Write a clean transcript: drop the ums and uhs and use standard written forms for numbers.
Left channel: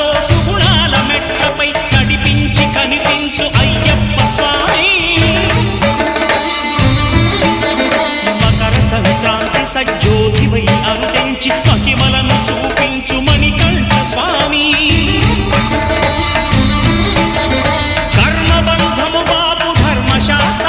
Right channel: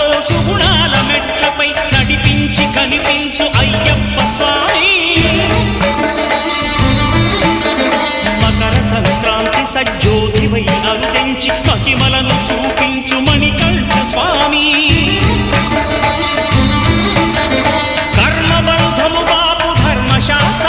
సుఖాలతో సుగుణాల మెట్లపై నడిపించి కనిపించు అయ్యప్ప స్వామి. మకర సంక్రాంతి సజ్జోతివై అరుదెంచి మహిమలను చూపించు మణికంఠ స్వామి. కర్మబంధము బాపు ధర్మశాస్త్ర